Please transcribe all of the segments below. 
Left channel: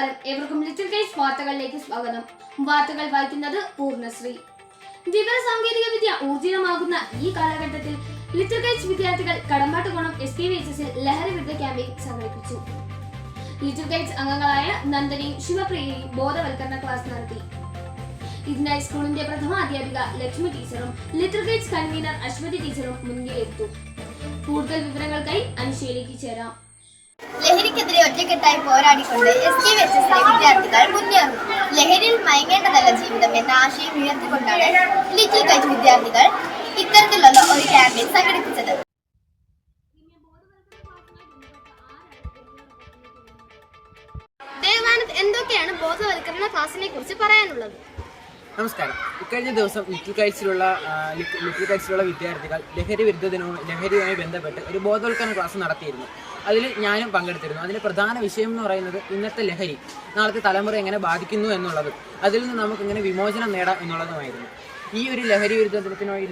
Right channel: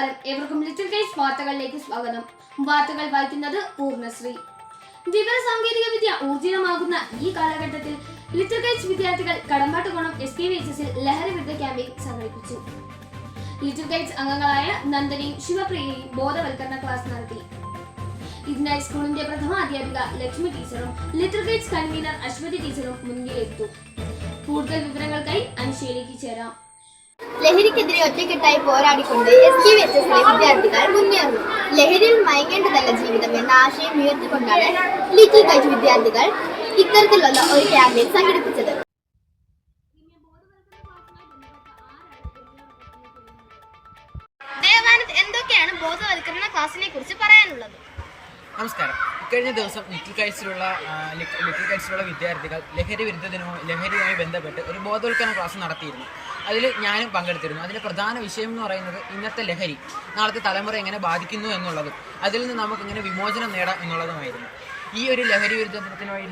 നമസ്കാരം, ഏവർക്കും little Kites വാർത്തകളിലേക്ക് സ്വാഗതം. വാർത്തകൾ വായിക്കുന്നത് പൂർണ്ണശ്രീ. വിവര സാങ്കേതിക വിദ്യ ഊർജിതമാകുന്ന ഈ കാലഘട്ടത്തിൽ ലിറ്റിൽ കൈറ്റ്സ് വിദ്യാർത്ഥികൾ കടമ്പാട്ടുകോണം SKVHS ലഹരി വിരുദ്ധ ക്യാമ്പയിൻ സംഘടിപ്പിച്ചു. ലിറ്റിൽ കൈറ്റ്സ് അംഗങ്ങളായ നന്ദനയും ശിവപ്രിയയും ബോധവൽക്കരണ ക്ലാസ് നടത്തി. ഇതിനായി സ്കൂളിന്റെ പ്രഥമ അധ്യാപിക ലക്ഷ്മി ടീച്ചറും ലിറ്റിൽ കൈറ്റ്സ് കൺവീനർ അശ്വതി ടീച്ചറും മുൻകിലെത്തു. കൂടുതൽ വിവരങ്ങൾക്കായി അനുശയിലേക്ക് ചേരാം. ലഹരിക്കെതിരെ ഒറ്റക്കെട്ടായി പോരാടിക്കൊണ്ട് SKVHS വിദ്യാർത്ഥികൾ മുന്നേറുന്നു. ലഹരിയിൽ മയങ്ങേണ്ടതല്ല ജീവിതം എന്ന ആശയം ഉയർത്തിക്കൊണ്ടാണ് ലിറ്റിൽ കൈറ്റ്സ് വിദ്യാർത്ഥികൾ ഇത്തരത്തിലുള്ള ഒരു ക്യാമ്പയിൻ സംഘടിപ്പിച്ചത്. ദേവാനന്ദ്, എന്തൊക്കെയാണ് ബോധവൽക്കരണ ക്ലാസിനെ കുറിച്ച് പറയാനുള്ളത്? നമസ്കാരം. ഇക്കഴിഞ്ഞ ദിവസം ലിറ്റിൽ കൈറ്റ്സിലുള്ള വിദ്യാർത്ഥികൾ ലഹരിയുമായി ബന്ധപ്പെട്ട് ഒരു ബോധവൽക്കരണ ക്ലാസ് നടത്തിയിരുന്നു. അതിൽ ഞാനും പങ്കെടുത്തിരുന്നു. അതിൻ്റെ പ്രധാന വിഷയം എന്ന് പറയുന്നത് ഇന്നത്തെ ലഹരി നാളത്തെ തലമുറ എങ്ങനെ ബാധിക്കുന്നു എന്നുള്ളതും അതിൽ നിന്ന് നമുക്കിങ്ങനെ വിമോചനം നേടാം എന്നുള്ളതുമായിരുന്നു. ഈ ഒരു ലഹരി വിരുദ്ധത്തിനുമായി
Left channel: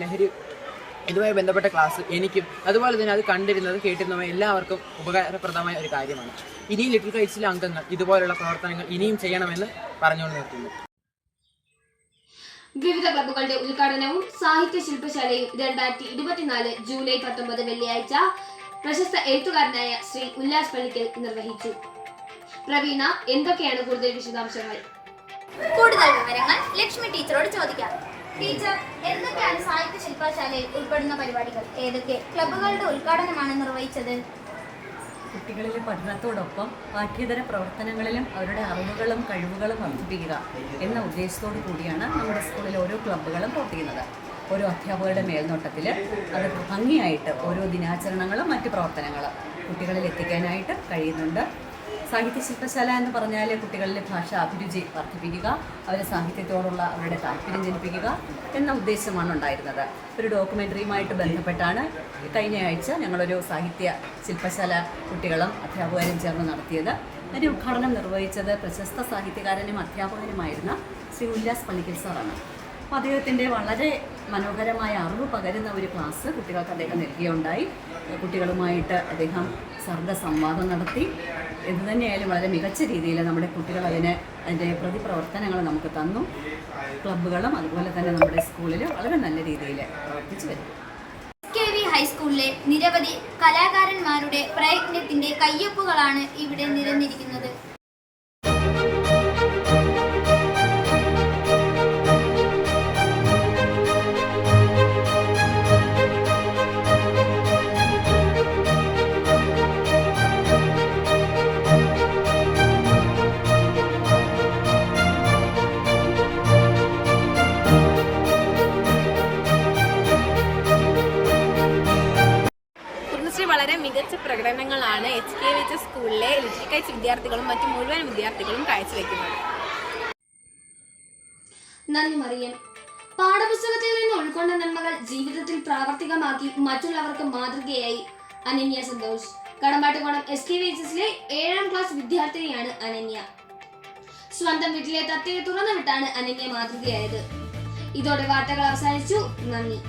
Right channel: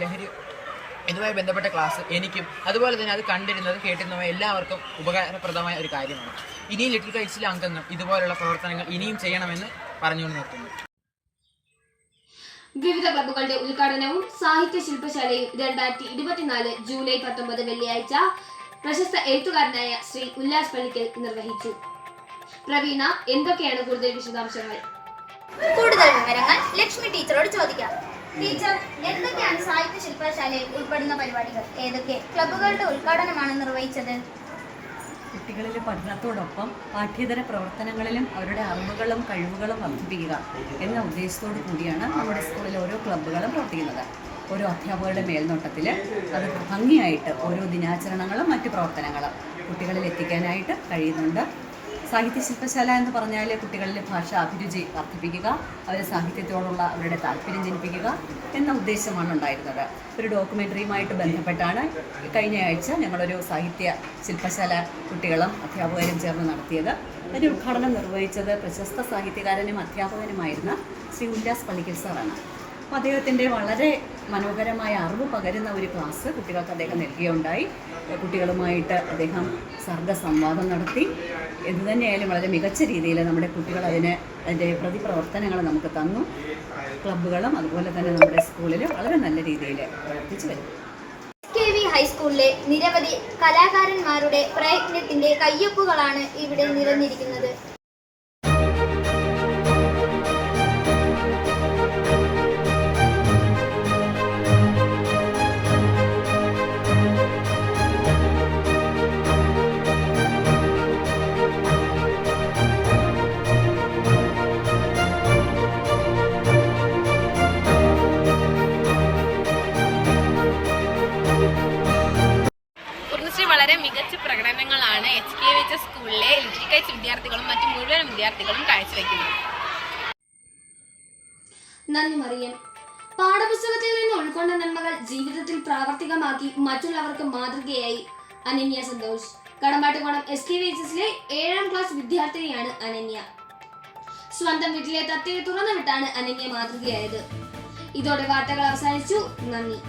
ഇതുമായി ബന്ധപ്പെട്ട ക്ലാസ് എനിക്കും അതുപോലെ തന്നെ അത് കണ്ടിരുന്നതും കേട്ടിരുന്നതും എല്ലാവർക്കും ഉപകാരപ്രദമായ ഒരു കാര്യമാണ്. ഇനിയും ലിറ്റിൽ കൈറ്റ്സിലെ അംഗങ്ങൾ ഇതുപോലുള്ള പ്രവർത്തനങ്ങൾ ഇനിയും ചെയ്യണമെന്ന് പറഞ്ഞുകൊണ്ട് നിർത്തുന്നു. വിവിധ ക്ലബ്ബുകളുടെ ഉദ്ഘാടനവും സാഹിത്യ ശില്പശാലയും 2024 ജൂലൈ 19 വെള്ളിയാഴ്ച പ്രശസ്ത എഴുത്തുകാരനായ ശ്രീ ഉല്ലാസ് പള്ളിക്കൽ നിർവഹിച്ചു. പ്രവീണ, എന്തൊക്കെയാണ് കൂടുതൽ വിശദാംശങ്ങൾ? കൂടുതൽ വിവരങ്ങൾ ലക്ഷ്മി ടീച്ചറോട് ചോദിക്കാം. ടീച്ചർ, എന്തൊക്കെയാണ് സാഹിത്യ ശില്പശാലയിൽ ഉൾപ്പെടുന്ന പരിപാടികൾ? ഏതൊക്കെ ക്ലബ്ബുകളുടെ ഉദ്ഘാടനമാണ് നിർവഹിച്ചത്? കുട്ടികളിലെ പഠനത്തോടൊപ്പം പാഠ്യേതര പ്രവർത്തനങ്ങളിലും അവരുടെ അറിവുകളും കഴിവുകളും വർദ്ധിപ്പിക്കുക എന്ന ഉദ്ദേശത്തോടു കൂടിയാണ് നമ്മുടെ സ്കൂളിലെ ഓരോ ക്ലബ്ബുകളും പ്രവർത്തിക്കുന്നത്. ഓരോ അധ്യാപകരുടെ മേൽനോട്ടത്തിൽ അത് ഭംഗിയായിട്ട് ഓരോ ദിനാചരണങ്ങളും മറ്റ് പ്രവർത്തനങ്ങളും കുട്ടികളിൽ എത്തിക്കാനായിട്ട് കഴിയുന്നുണ്ട്. സാഹിത്യ ശില്പശാല എന്ന് പറഞ്ഞാൽ കുട്ടികളിൽ ഭാഷ അഭിരുചി വർദ്ധിപ്പിക്കുക, അവരെ സാഹിത്യത്തോടുള്ള അവരുടെ താല്പര്യം ജനിപ്പിക്കുക എന്ന ഉദ്ദേശമാണ് ഉണ്ടായിരുന്നത്. ഒരു ഡോക്യുമെൻ്ററിയുമായിട്ട് ബന്ധപ്പെട്ടാണ് കഴിഞ്ഞ ആഴ്ച ഞങ്ങളൊരു സാഹിത്യ ശില്പശാല കുട്ടികളും അധ്യാപകരും ചേർന്ന് നടത്തിയത്. അതിൻ്റെ ഉദ്ഘാടനം നിർവഹിച്ചത് പ്രശസ്ത സാഹിത്യകാരനും അധ്യാപകനുമായിരുന്ന ശ്രീ ഉല്ലാസ് പള്ളിക്കൽ സാറാണ്. അപ്പോൾ അദ്ദേഹത്തിൻ്റെ വളരെ മനോഹരമായ അറിവ് പകരുന്ന ഒരു ക്ലാസ് കുട്ടികൾക്ക് അദ്ദേഹം നൽകുകയുണ്ടായി. കുട്ടികളുമായിട്ട് അദ്ദേഹം സർഗസംവാദം നടത്തി. എന്തുതന്നെയായാലും വളരെ മികച്ച രീതിയിൽ നമ്മുടെ കുട്ടികൾ അതിൻ്റെ പ്രതിപ്രവർത്തനങ്ങൾ നമുക്ക് തന്നു. ക്ലബ്ബുകളും അതുപോലെ തന്നെ നമ്മുടെ സ്കൂളിൽ വളരെ നല്ല രീതിയിൽ പ്രവർത്തിച്ചു വരും. SKV ഹൈസ്കൂളിലെ നിരവധി കലാകാരന്മാരുടെ പ്രയത്നത്തിന്റെ കയ്യൊപ്പുകളാണ് ഇവിടെ നിരന്നിരിക്കുന്നത്. വളരെ മികച്ച പ്രകടനങ്ങളാണ് SKVHS സ്കൂളിലെ ലിറ്റിൽ കൈറ്റ്സ് വിദ്യാർത്ഥികളും മറ്റു മുഴുവൻ വിദ്യാർത്ഥികളും കാഴ്ചവെക്കുന്നത്. നന്ദി മറിയം. പാഠപുസ്തകത്തിൽ നിന്ന് ഉൾക്കൊണ്ട നന്മകൾ ജീവിതത്തിൽ പ്രാവർത്തികമാക്കി മറ്റുള്ളവർക്ക് മാതൃകയായി അനന്യ സന്തോഷ്. കടമ്പാട്ടുകോണം SKVHSലെ 7ാം ക്ലാസ് വിദ്യാർത്ഥിനിയാണ് അനന്യ. സ്വന്തം വീട്ടിലെ തത്തയെ തുറന്നുവിട്ടാണ് അനന്യ മാതൃകയായത്. ഇതോടെ വാർത്തകൾ അവസാനിച്ചു. നന്ദി.